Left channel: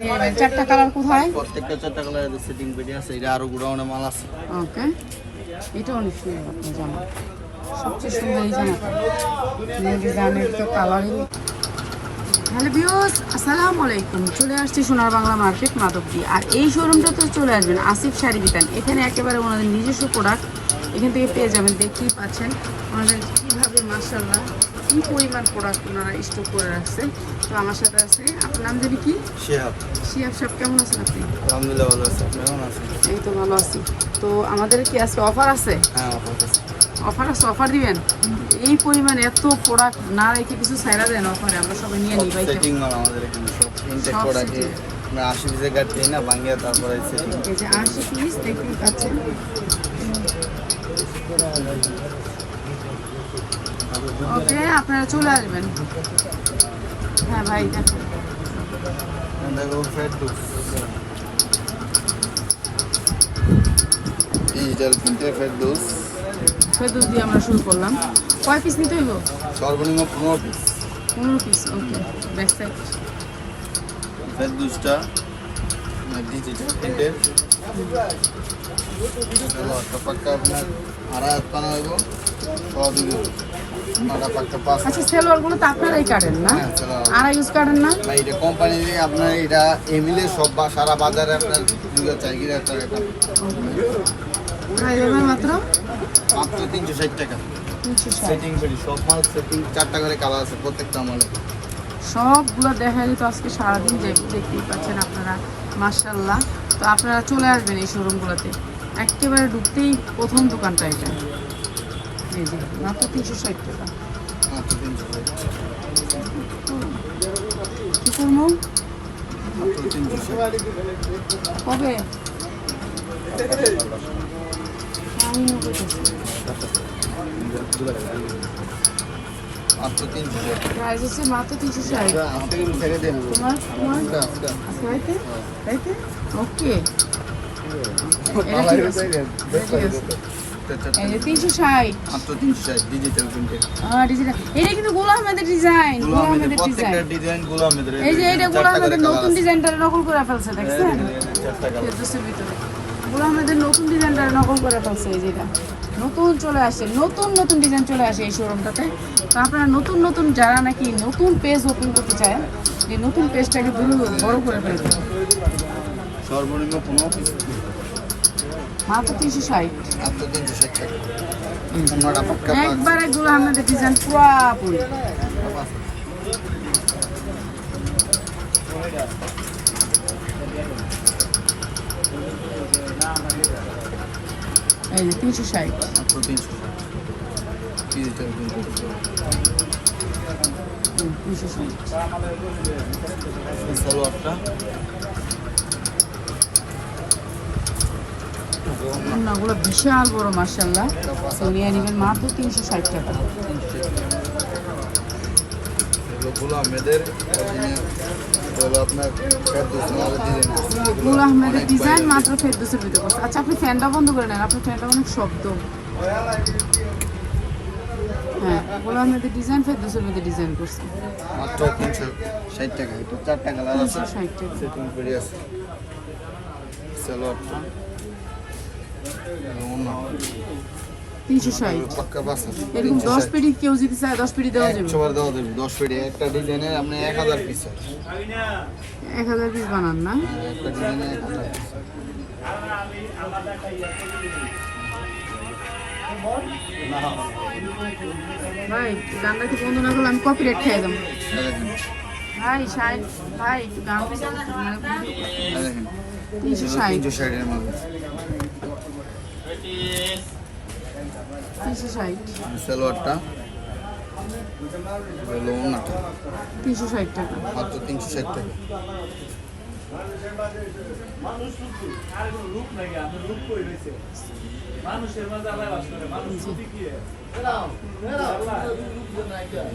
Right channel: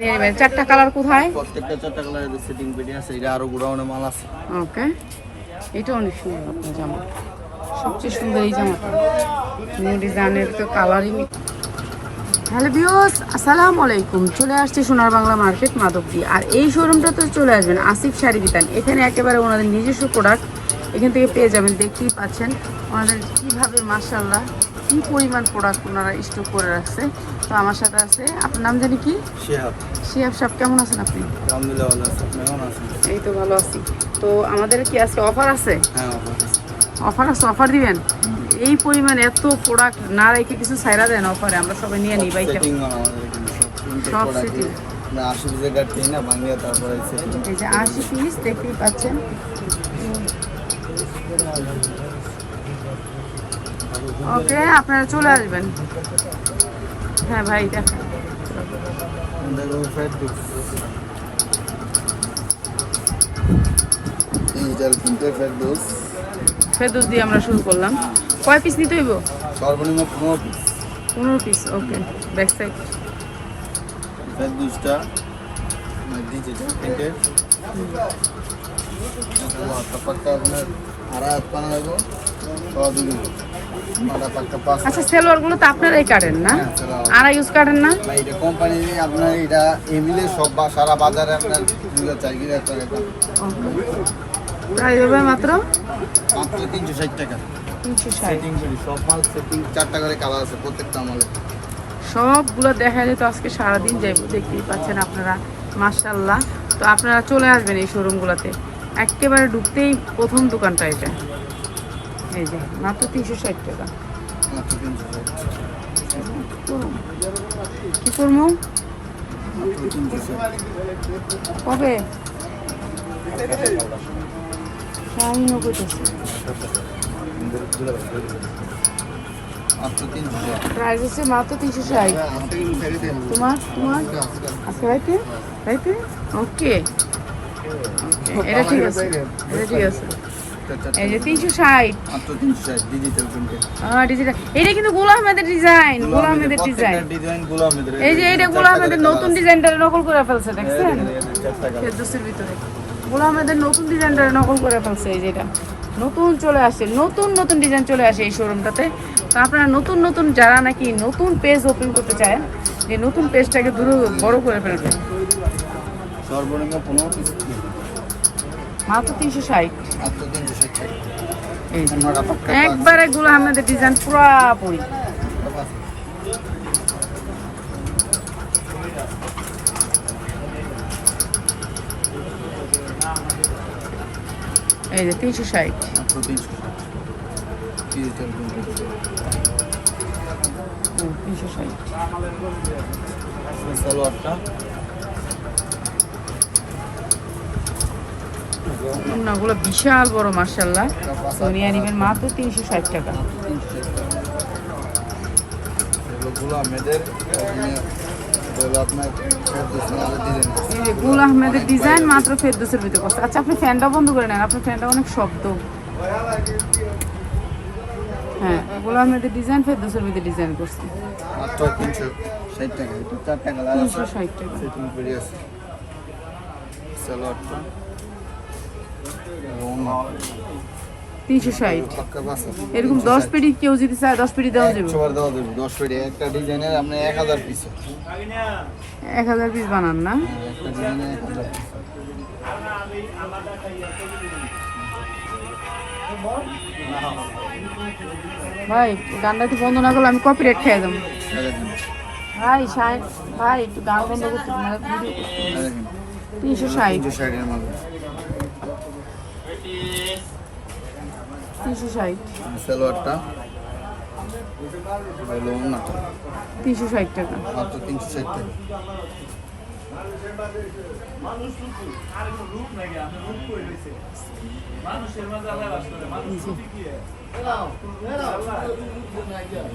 চারটা কালার কোথায়? প্রত্যেকটা চারটা কালারের সেটিং পেটি আছে। এটা আরো গোডাউনে মাল আছে। ওকে, এটা অনেক সুন্দর আপনার জামা, সবচেয়ে সুন্দর এই জামাটা। নিউ ডিজাইনের তো কালারিং। হ্যালো ভিউয়ার্স, আসসালামু আলাইকুম। চলে আসছে সোনার বাংলা মার্কেট মাধবদী। আর এই শোরুমটা তো চলে আসবেন আসিফ শাড়ি বিতান। এখানে একেবারে ওনাদের নিজস্ব প্রোডাক্ট এখান থেকে পেয়ে যাবেন। দেখতেই পাচ্ছেন ওনাদের কীভাবে মাশাআল্লাহ কী পরিমাণ প্রোডাক্ট ওনারা স্টক করে রাখছে। তো আমার সাথে আছে, আপনার নাম জানি কি? শিহাব। শিহাব সাহেব, কেমন আছেন আপনি? আলহামদুলিল্লাহ ভালো আছি। আপনি কেমন আছেন? এই তো ভালো আছি। তো আমাদের কি আজকে অফার আছে? হ্যাঁ, অফার আছে। অফার আছে, অফার দিবেন? এই পরিমাণ এত প্রোডাক্ট না রেখে কিছু ছাইরা দেন অফারে, আমরা সবাই নিয়ে নিই। বাইক সেটিং মাল আমাদের এখানে সব ইনটেক সব প্রোডাক্ট। setting। আমরা 80 পিসের গাড়ি দিই না, ভাঙিয়ে তারপরে সেটিং। এই যে 80 পিস দেখতেই পাচ্ছেন। ওকে, আপনারা চলে আসবেন। হ্যাঁ ভাই, দেখেন দেখো ফেরদৌস ডিজিটাল প্রিন্টে ফেরদৌস। ফেরদৌস দিয়ে আমরা শুরু করলাম। কয় পিস নিতে হইব? সর্বনিম্ন 15 পিস। 15 পিস। ওকে, ব্যাক সাইড ফেরদৌসটা ডিজিটাল প্রিন্টের। চলো একটা পাক্কা আপনার আড়াই হাত পানা হইব, সব দিবি নটা পাক্কা 5। আচ্ছা, সেলোয়ারগুলো তো আপনারাই কাটেন না? হ্যাঁ, সেলোয়ার। আর ইউজ কাটেন না? ভাই এটা কোম্পানি আপনার এটা এমিলে সব সারা বাজারে আপনার 2004 টাকা। ওকে, প্রাইস হবে মাত্র মাত্র 360 টাকা। 360। সেটিং পেটি সব মাল সেটিং 4টা করে কালার আছে প্রত্যেকটা মালে। সবগুলো দেখা যেত আজকে সারাদিন যাইব, দেখতেই পাচ্ছেন আপনারা মাশাআল্লাহ। তো আপনারা চলে আসবেন এই শোরুমগুলোতে। একেবারে ঢুকতেই প্রথম দোকানটা এটা। এই যে মাত্র 360 টাকা। মাত্র 360। কি করবো? মাত্র 360। কবে? আমিও করতেছি। মাত্র 360। প্রাইস হচ্ছে মাত্র 360। তোমার আচ্ছা, রাইতে রাইতে। ওকে, এটা ঠিক আছে, এটা ঠিক আছে। এই যে 360। মাত্র 360 ডিজিটাল প্রিন্টে। ডিজাইন এটা কিন্তু গোলাম আহমেদের ডিজাইন, গোলাম আহমেদের ডিজাইন। প্রত্যেকটা ডিজাইন গোলাম আহমেদের। এই যে এটা গোলাম আহমেদের নতুন ডিজাইনটা নকল করে ফেলছে, দেখছেন? 4টা কালার। ফেরদৌসের ভিতরে গোলাম আহমেদের নতুন ডিজাইনটা নকল করে ফেলছে। এই যে এটা নতুন চলে আসে, নতুন নতুন ডিজাইন চলে আসে এই শোরুমটাতে। তো আপনারা নতুন নতুন যারা নাকি নতুন পেজ ওপেন করতে চান, এই নতুন পেজটাকে বড় করে ফেলবেন। সর্বনিম্ন 15 পিস। মাত্র 360। মাত্র 360 টাকা। নটা পাক্কা একবারে গোলাম আহমেদের ডিজাইন পুরাপুরি। এই যে 360। মাত্র 360 ডিজিটাল প্রিন্টে। 360। সালোয়ারটা ওগুলো বিশাল বড় মাশাআল্লাহ। তো নিয়ে নেবেন মাত্র 360 টাকা। 360 টাকা। এগুলো আহমেদের অরিজিনাল। এটা আপনার ফেরদৌস আমাদের ডিজাইন করছে। গুল আহমেদের ডিজাইন মাত্র ফেরদৌসের ভিতরে করছে। আচ্ছা, আপনি ফ্যানটা বন্ধ করে নেন, আপনার ফ্যানটা অনেক শব্দ। হ্যাঁ, গুল আহমেদের ডিজাইন ফেরদৌসের ভিতরে ডিজাইন করছে। মাত্র 360 টাকা। এটা 4টা কালার আছে। 360 টাকা। সেটিং পেটি আছে। সালোয়ারটা ওনা 360। পাক্কা পাস আছে। এরকম 10 পেটি কেউ যদি চায় 10 পেটি দেওয়া যাবে। 100 বার দেওয়া যাবে। 10 পেটি একটা ডিজাইনের আপনি 1000 পিস। 1000 পিস বানান না? একটা ডিজাইনে 1000 পিস। ভাই গানটা একটু বন্ধ না করলে আমি কপিরাইট খেয়ে যাবো। দেখেন, ভাই শাইন ভাই, একটু গান বন্ধ করতে মানে ভিডিও করতে। দেখেন 360। 360 এর মাঝে 360। সালোয়ারটা হলো ওনাটা 360 টাকা। মাত্র 360 টাকা।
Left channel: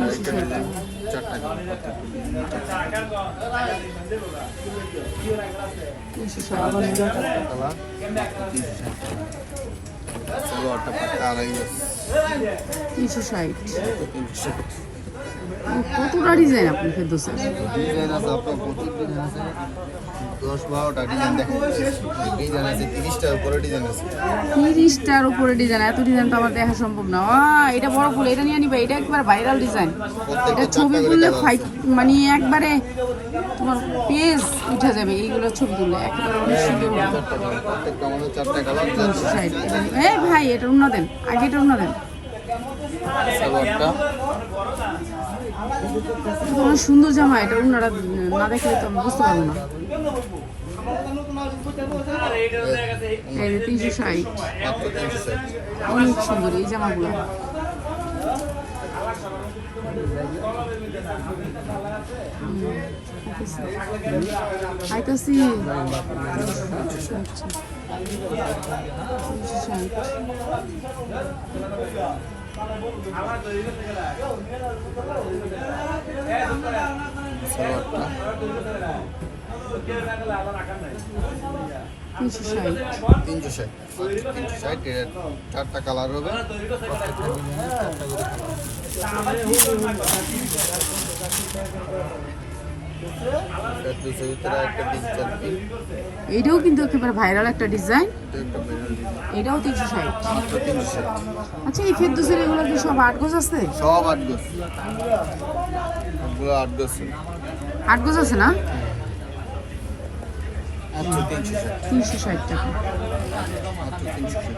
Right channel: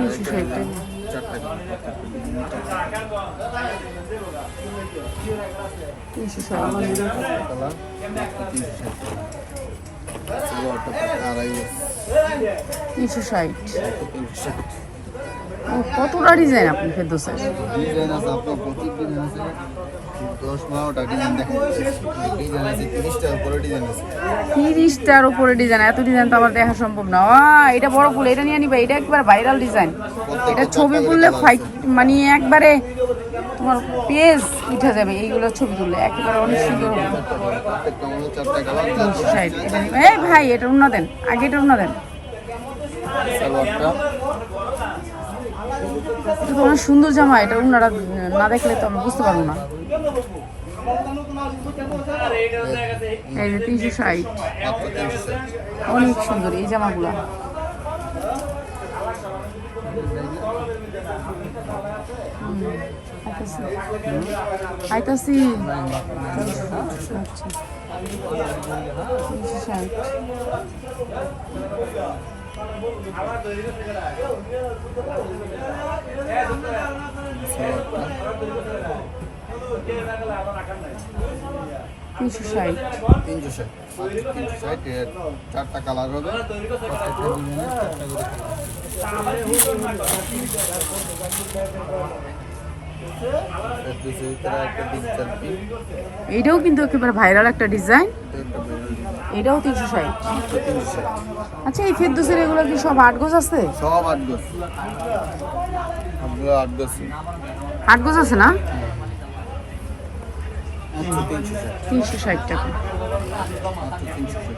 আরেকটা ডিজাইন 4টা কালার। প্রত্যেকটা ডিজাইনে 4টা কালার। মাত্র 360 টাকা। সালোয়ারটা পাক্কা আড়াই গজ। 360। মাত্র 360। কতটা ডিজাইন আপনি ফেরদৌসের? ডিজাইন আছে আপনার প্রচুর ডিজাইন আছে। 10-12টা ডিজাইন দেখা যাচ্ছে। ডিজাইন আছে 30টার উপরে ডিজাইন আছে। 30টার উপরে ডিজাইন, এত ডিজাইন তো আমার দেখা সম্ভব না। এটা বড় ফুল, এটা নিয়ে নিবা, এটা একবার ভাইরাল ডিজাইন। এটা ছবি তুললে মানে একবারে তোমার পেজ উঠে যাবে এইগুলো ছবি তুললে, একেবারে অনেক সুন্দর হবে। প্রত্যেকটা আমাদের 4টা কালার। এই ভাই এটা উন্না দেন, আগে এটা উন্না দেন। সালোয়ারটা এটা তো অনেক সুন্দর জামা, এটা উন্নাটা না দেখলে তো আমি বুঝতে পারবো না। এই যে 360, মাত্র 360। অনেক সুন্দর এই জামাগুলা। আইতাছি 360। সালোয়ারটা 360। 360, মাত্র 360। এর 4টা কালার হবে, প্রত্যেকটা ডিজাইনের 4টা করে কালার। ফেরদৌসের ভিতরে একটা ডিজিটাল প্রিন্ট, এইটাও কিন্তু একেবারে ভাইরাল একটা ডিজাইন। এটা একটা ভাইরাল ডিজাইন, এটাও 360। মাত্র 360। আচ্ছা এই ফেরদৌসের এগুলো কি সব 8 গজ আছে? সব 8 গজ, সবগুলো 8 গজ। 8 গজ আছে না? মাত্র 360, 360 টাকা। মাত্র 360।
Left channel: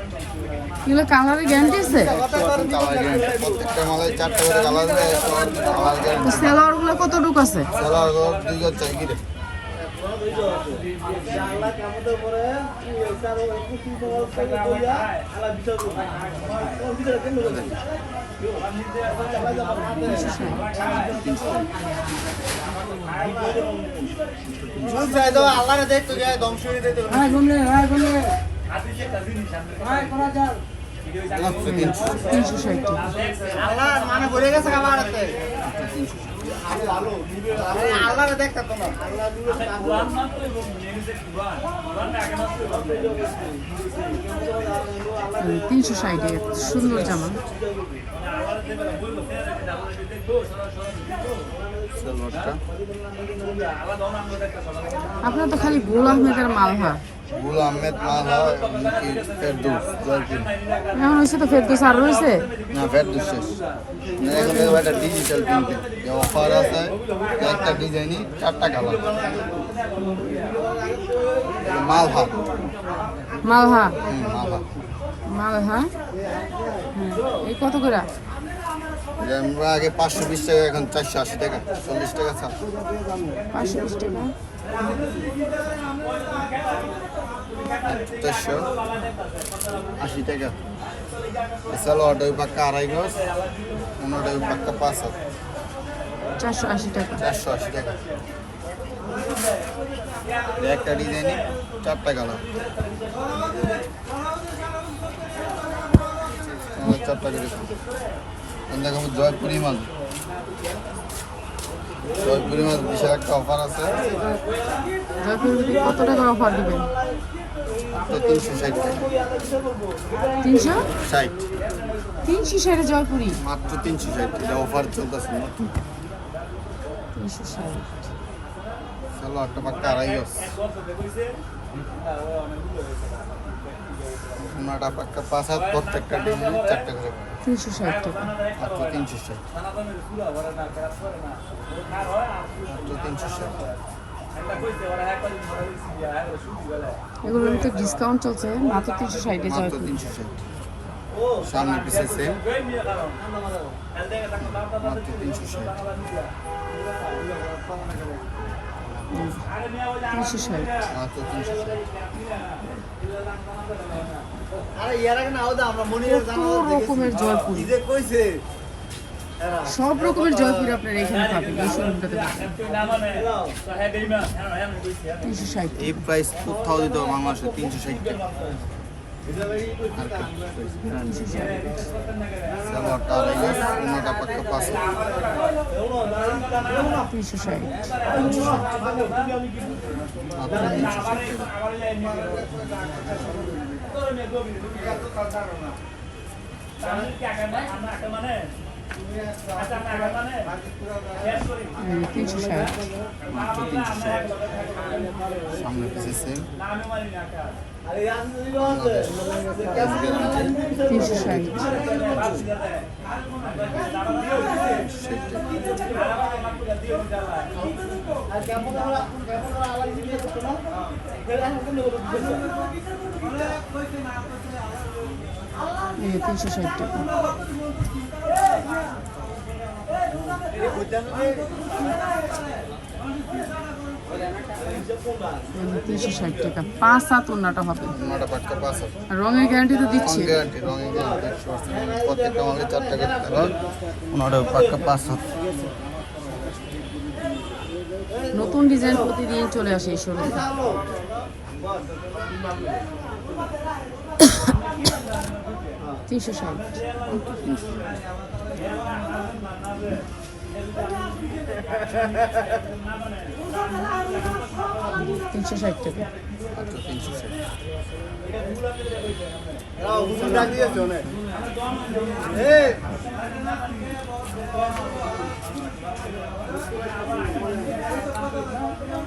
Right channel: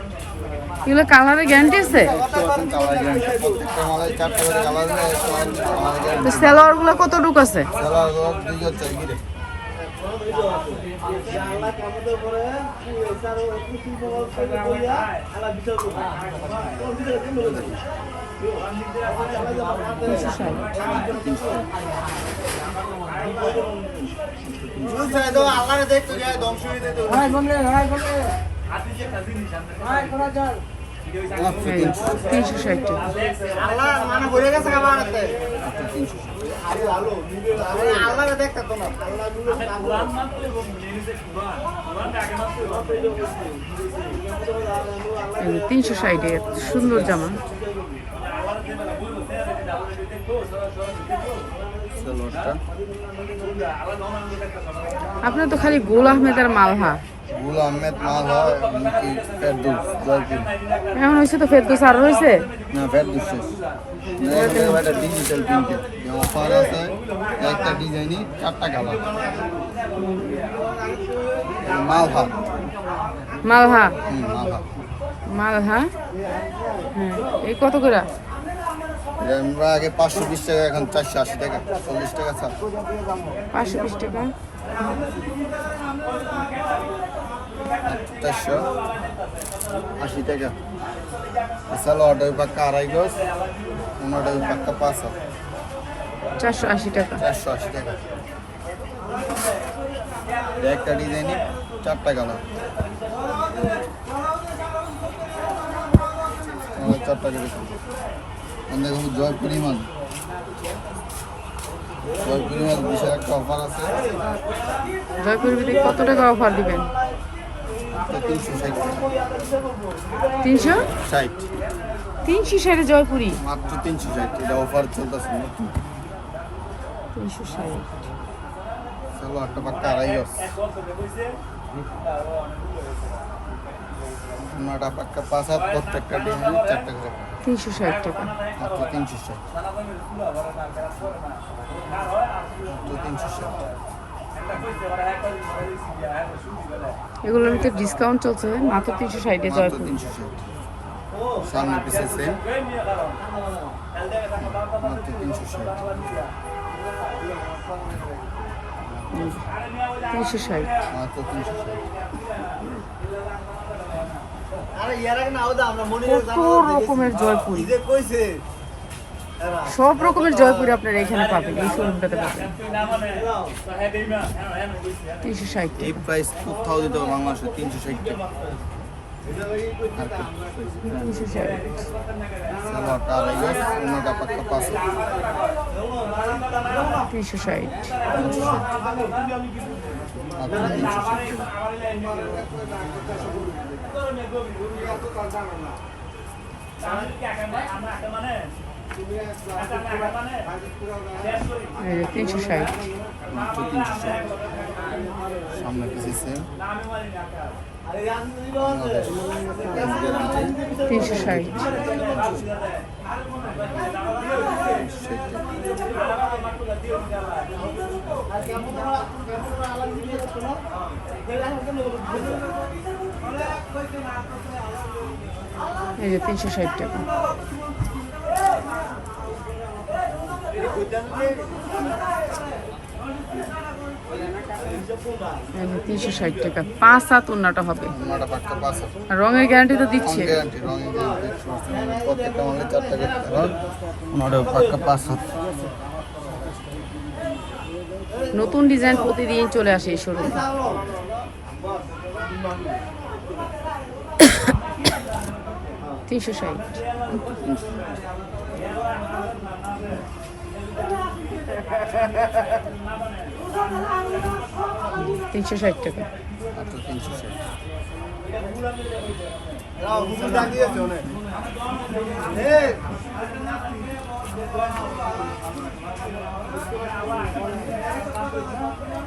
এগুলো কালারের গ্যারান্টি আছে? 100% কালার গ্যারান্টি। প্রত্যেকটা মালে 4টা করে কালার হবে, 100% কালার তো গ্যারান্টি। সেলোয়ারগুলো কতটুকু আছে? সেলার 2 গজ চাই গিরে। মাত্র 360 টাকা। এই যে 360 এর সুন্দর জামা। সালোয়ারটা আপনার তো খালি গোল আহমেদের মালহা। গুল আহমেদ মাল হয় কি ফেরদৌস জয়পুর। এমন হয়েছে তো ফেরদৌস আর রয়েছে? না ফেরদৌস শেষ না, এখন দেখবো একটা ডিজিটাল প্রিন্টে যে অফার আছে, একটা ডিজাইনই 4টা কালার। মালহার, মালহা। মালহার। মালহা, হ্যাঁ। এই কত করে? এটা আমরা আগে 520 টাকা, এখন 480 টাকা, 40 টাকা ছাড়। 520 টাকা। 480 টাকা। সালোয়ারটা ওই পাক্কা 2.5 গজ, ওনাটা ওই পাক্কা 5 হাত, 480 টাকা। 480 টাকা। একটা ডিজাইনই 4টা কালার, 4টা করে। দেখো জয়পুরি মাল, জয়পুরি মাল বিশাল একটা অফার আছে। জয়পুরের ভিতরে কত টাকা অফার দিবেন? তো 360 টাকা। 360? 360 জয়পুরি? মাত্র 360, এটা অফার চলতেছে নতুন। 360। সালোয়ারটা পাক্কা 2.5 গজ, ওনাটা পাক্কা 5 হাত, প্রত্যেকটা ডিজাইনে 4টা করে। 360 টাকা। মাত্র 360, মাত্র 360। এগুলোর ভিতরে ডিসকাউন্ট চলছে, মাত্র 360 এ মাত্র জয়পুর। 360, সামনে পিছে সেম, মাত্র 360। 360। মাত্র 360। কত রকমের জয়পুরি, সব রকমের জয়পুরি আপনারা এখানে পাবেন, এই শোরুমটাতে পাবেন। 360 এই টাকা। প্রাইস কোথাও দিতে হবে বাংলাদেশে, 360 টাকা। আর কি 360। সালোয়ারটা 2.5 গজ, ওনাটা পাক্কা 5 হাত, 360। 360। মাত্র 360 টাকা। এই যে 360। মাত্র 360। সামনে পিছে সেম বাংলাদেশ প্রাইস গ্যারান্টি 360। এই যে 360 টাকা। এই যে 360 টাকা 5 7 ওন্নাটা হবে। ওনাটা পাক্কা 5 আর রঙের গ্যারান্টি তো দিচ্ছে। গ্যারান্টি রঙের গ্যারান্টি 100%। প্রত্যেকটা মালে 4 টাকা করতে হয়। ওনাটা পাক্কা 5 নতুন ডিজাইন প্রতিদিন চলে আসে এই শোরুমে। $360। 360 টাকা। মাত্র 360।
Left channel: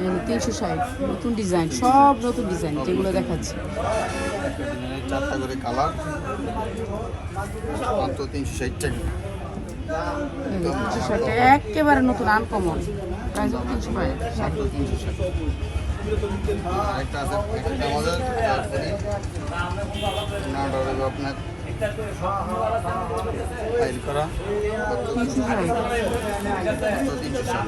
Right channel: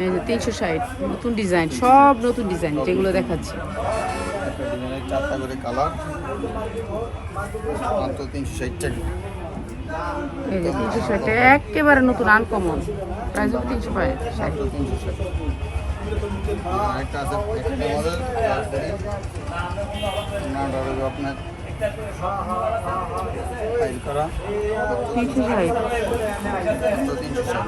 এই যে 360 নতুন ডিজাইন, সব নতুন ডিজাইন যেগুলো দেখাচ্ছি। একটা ডিজাইনের 4টা করে কালার, মাত্র 360 টাকা। এই যে 360 টাকা একেবারে নতুন আনকমন, প্রাইস 360। মাত্র 360। আরেকটা আছে একটা আমাদের তারপরে নাটা হবে আপনার ফাইল করা, মাত্র 360। মাত্র 360।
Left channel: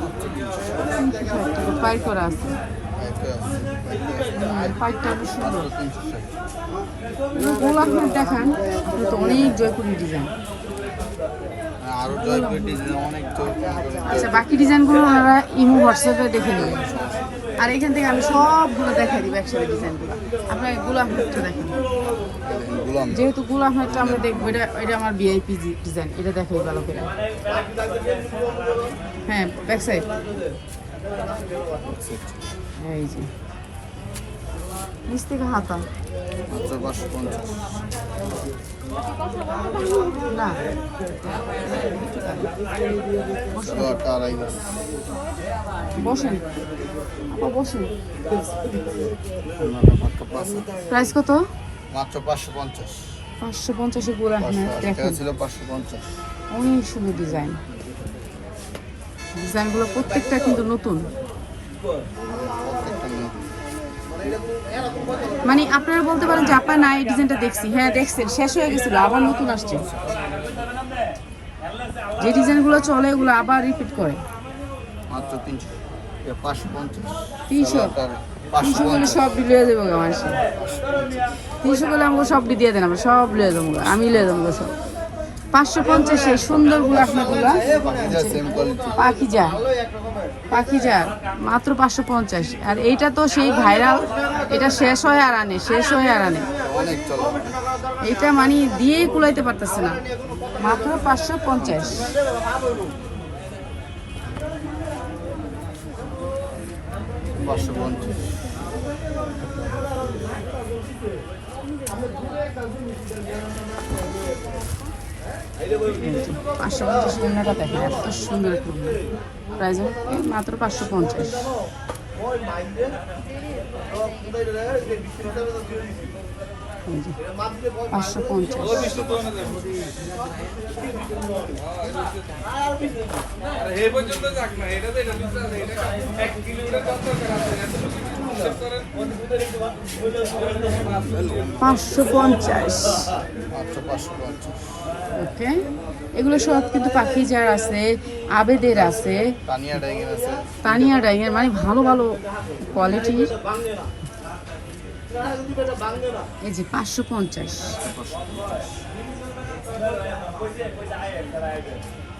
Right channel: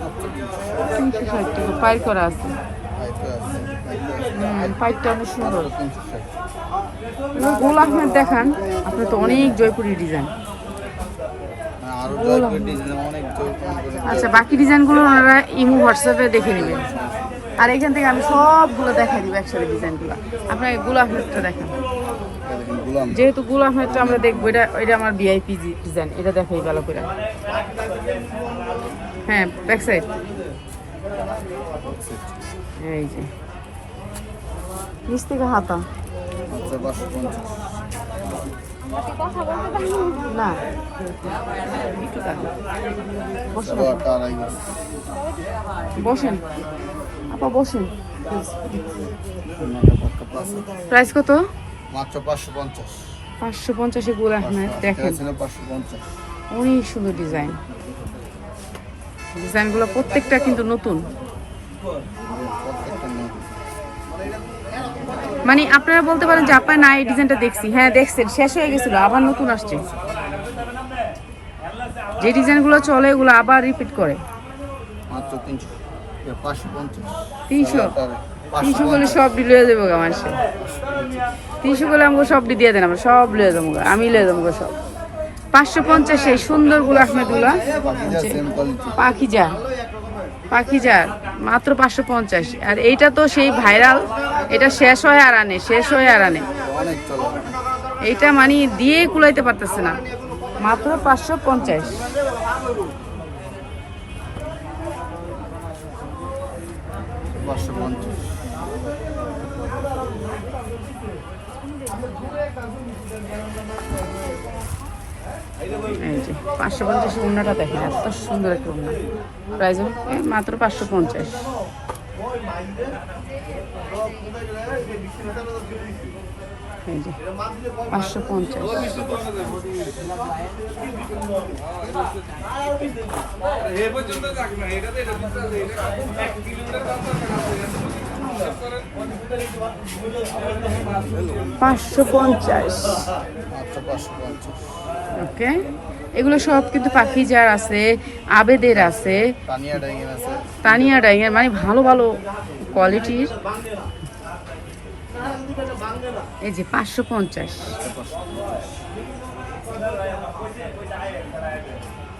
মাত্র 360 360 টাকা পাইল করা আছে। পাইতে আছে, পাইতে আছে। পাইলটা অনেক সুন্দর। মাত্র 360। গোল আহমেদ দেখান, আপনার তো অনেক জয়পুরি ডিজাইন। আরো জয়পুরি ডিজাইন অনেক জয়পুরি। আচ্ছা, বাকি ডিজাইনগুলো ওনারা ইমো হোয়াটসঅ্যাপে দেখে নেবেন। আর এখান থেকে আমি সবগুলো দেখাই দিব একসাথে ডিজাইনগুলো। আপনাকে গুল আহমেদটা দেখান, গুলাম যেহেতু গুল আহমেদটা আমরা দেখবো, এটা আমার ভিআইপি ডিজাইন, এটা দেখাই ভালো করে। হ্যাঁ, ব্যাক সাইড এই যে নিচ থেকে হাতা মাত্র 550। না সালোয়ারটা আড়াই গজ। বসেন আপা, বসেন। ওনাটা পাক্কা 500। প্রাইস কত? মাত্র 550। 550 গুল আহমেদ দেখেন, ছিল 550। অনেক সুন্দর ডিজাইন। ডিজাইনগুলো প্রত্যেকটা কিন্তু নতুন, প্রত্যেকটা নতুন। মানে আপনারা বলতে পারেন যে আপনার না এই ডিজাইনটা দেখছি, হ্যাঁ দেখছেন, শেষ হয়ে গেছিল, আবার নতুন আসছে। যে ডিজাইনগুলো চলে এগুলো আবার রিপিট করে। মাত্র 300। 550। 300 300 বলে সব লিয়ে যাবো আমার সে। 300 বলে আমাকে সব দিয়ে দেন, আমরা সব লিয়ে যাবো, আমি লিয়ে যাবো সব। 550 এই সুন্দর গুলো আহমেদগুলা সেম কোয়ালিটি। পাখিজার মাত্র 550। আর এইটা তো সেই ভাইরাল, এটা শেষ হয়ে আর আনে, শেষ হয়ে আর আনে। অনেক চলে। এইটা মানে দিয়েই কুলাইতে পারতেছে না, মাত্র 550। 550। এই যে 550 ওড়নাটা দেখেন, এত সুন্দর একটা ওড়না। প্রাইস মাত্র 550। এই যে 550। মাত্র 550। ওকে, এগুলো সব কিন্তু পাখিজার আছে, আবেদের আছে, তানিয়া ডাইং আছে, তানিয়া ডাইংয়ের, মানে ভালো ভালো কোয়ালিটির। এই যে 550।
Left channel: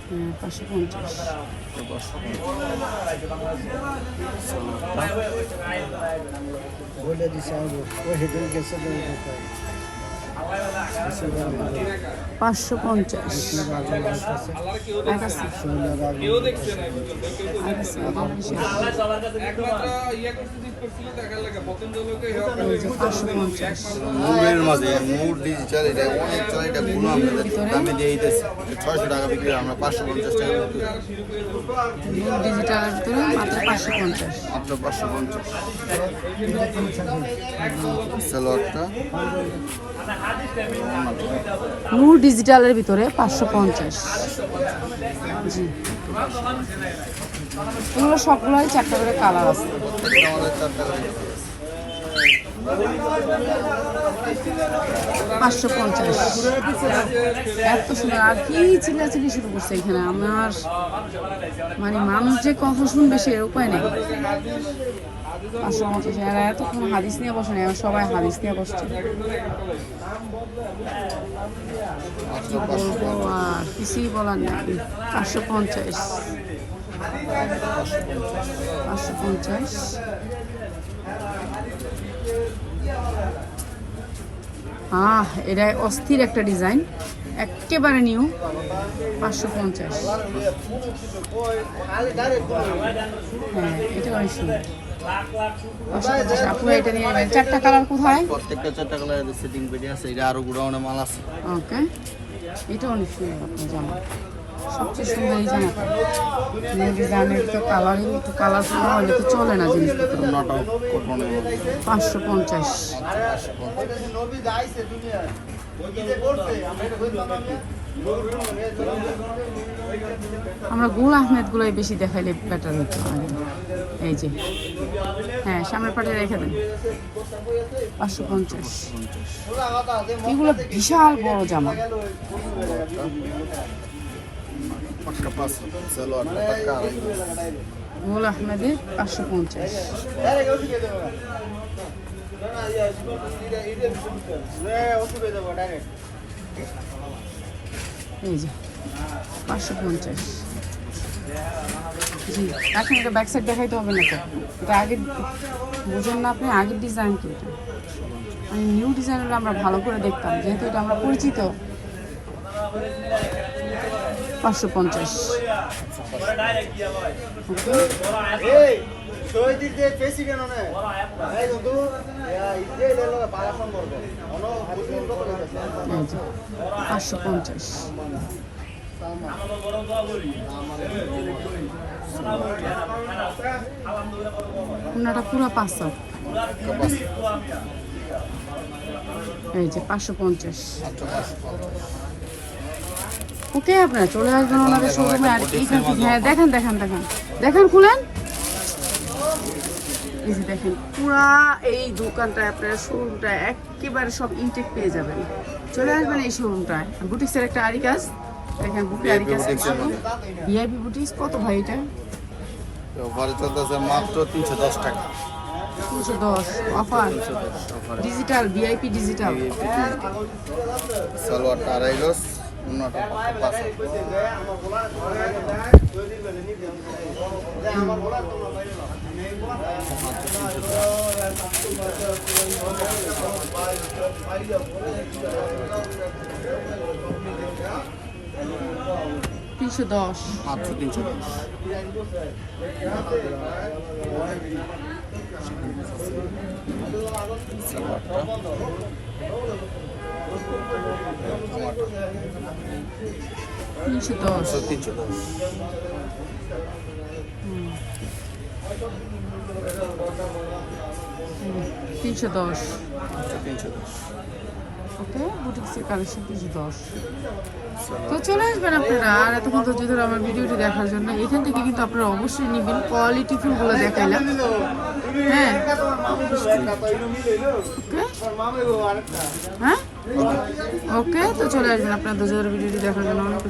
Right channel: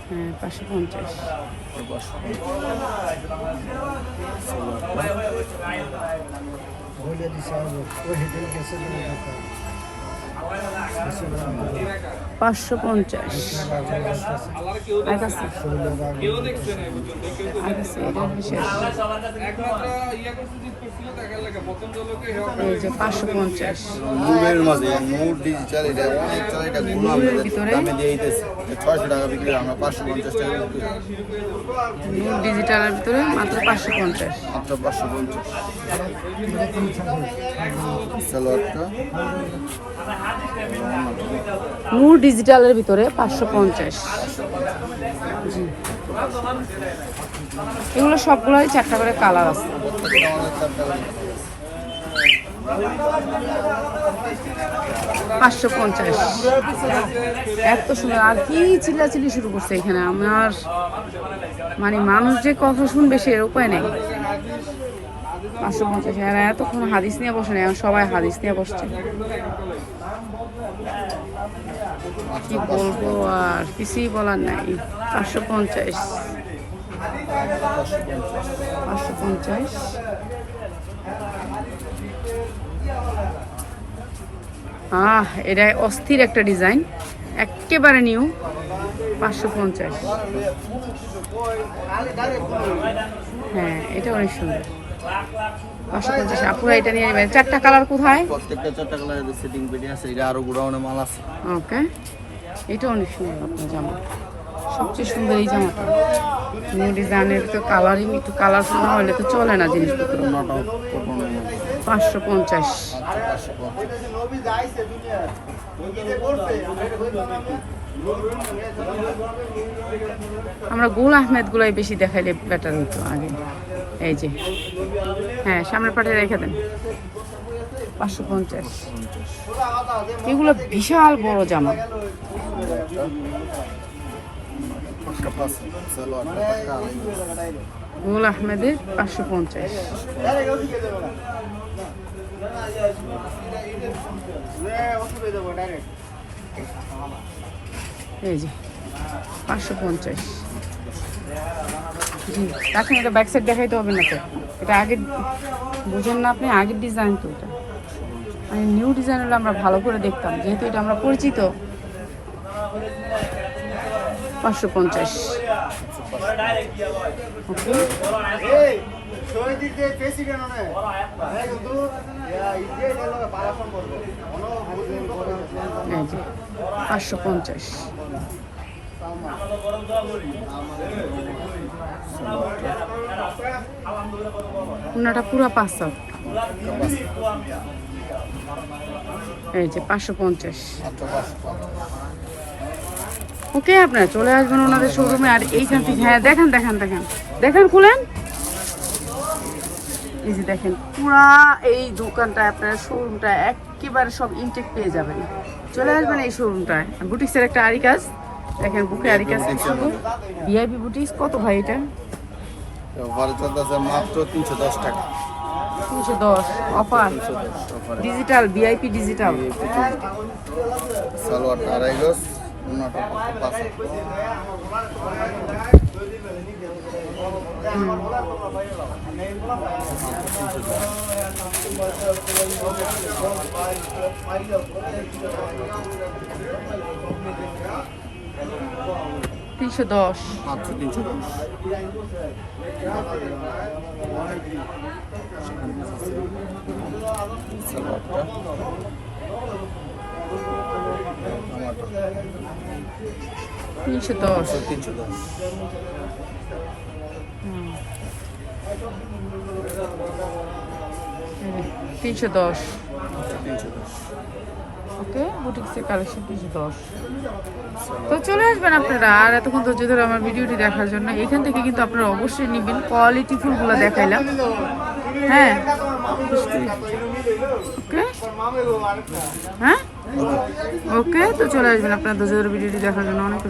হ্যাঁ 550। বলে দিছে 550 আর কাছে এটা বিশেষ এই যে 550 নূরের মাঝে নূর ডিজিটাল এটা অনেক চলে, এটা গুলো আমরা দামে দিয়ে দিতেছি 600 টাকা বিক্রি, আমরা 550 টাকা বিক্রি করি। নূর ডিজিটালের ভিতরে মাত্র 550 মাত্র 550। সালোয়ারটা নূর ডিজিটালের ভিতরে 550। জি, এগুলো সবগুলোই 4টা করে কালার আছে। প্রত্যেকটা আমাদের 4 টাকা করে 550 এত সুন্দর। আর কি চিল্লাচিল্লি শুরু করছে এখানে, আমার মানে মানুষ যে কথা শুনবে সে উপায় নেই। 550 এরা এতক্ষণ হাদিস নিয়ে বসে নেই, এখন সবাই হাদিস নিয়ে বসছে। কি বলবো আর কিছুই বলার নাই। 550 550 এটা অস্থির একটা ডিজাইন, একেবারে নিউ। 550। হ্যাঁ, এটা অনেক সুন্দর। 550 আপুরা এটা নিয়ে নেবেন। 4টা কালার কোথায়? প্রত্যেকটা 4টা কালারের সেটিং পেটি আছে, এটা আরো গোডাউনে মাল আছে। ওকে, এটা অনেক সুন্দর আপনার জামা। সবচেয়ে সুন্দর এই জামাটা। নিউ ডিজাইনের তো কালারিং একটু কালারফুল না হলে তো চলে না জিনিসপত্র। নট আউট কটনের মধ্যে 550। আচ্ছা 550। আমরা গুল আহমেদ গুলাই বেশি দেখাইলে বেটার হইতো আগে। এই যে, হ্যাঁ, সামনের পাটে রেখে দেন। 550। এগুলো বিশাল বড় জামা। পাক্কা পাস সালোয়ারটা পাক্কা আড়াই গজ। গুল আহমেদের 550। এই যে 550। জি, এখন এটা ব্যাক সাইড দেখাইতে হবে না তো, এটা আগে বুঝেন না আপনি, আগের ডিজাইন তো এটা। মানে নিউ ডিজাইন হলে আমরা ভালো করে দেখতাম, যেহেতু এটা আমরা পরিচিত। 550। ওকে, এই যে 550। ওনাটা পুরো 500। এই যে 550। ওকে, আপনারা চলে আসবেন ওনাদের শোরুমে। আর এইখান থেকে, হ্যাঁ, দেখেন দেখেন দেখেন দেখেন, খুলেন। এই যে দেখেন, পুরা এই দোকানটা আপনার শোরুমটা একেবারে সব ইনটেক পেয়ে যাবেন। চলে আসবেন এই শোরুমটায়। বুটিক্সের একটা আরি কাজ দেখেন, বুকে আরি কাজ। ভিআইপি বুটিক্স কত ভাই এটা? অফারে চলতেছে মাত্র 310 টাকা। 310 অফার। 310 অফারে ডিজিটাল ভিআইপি ডিজিটাল। সালোয়ারটা আড়াই গজ, ওন্নাটা পাক্কা পাস। তিনশো 10 মাত্র 310। সালোয়ারটা আমারটা 310। 310। 310। 310। ওকে, বুটিক্সের কালেকশন 310। তো চলে আসবেন আপনারা। আর এতক্ষণ ধৈর্য ধরে আমার ভিডিওটি দেখার জন্য। এখান থেকে কিন্তু আপনারা অবশ্যই নেবেন, কোয়ালিটি ফুলগুলো দেখাইলাম। হ্যাঁ, ওকে, হ্যাঁ, ওকে। তো চলে আসবেন আপনারা ধৈর্য ধরে ভিডিওটি দেখার জন্য। অনেক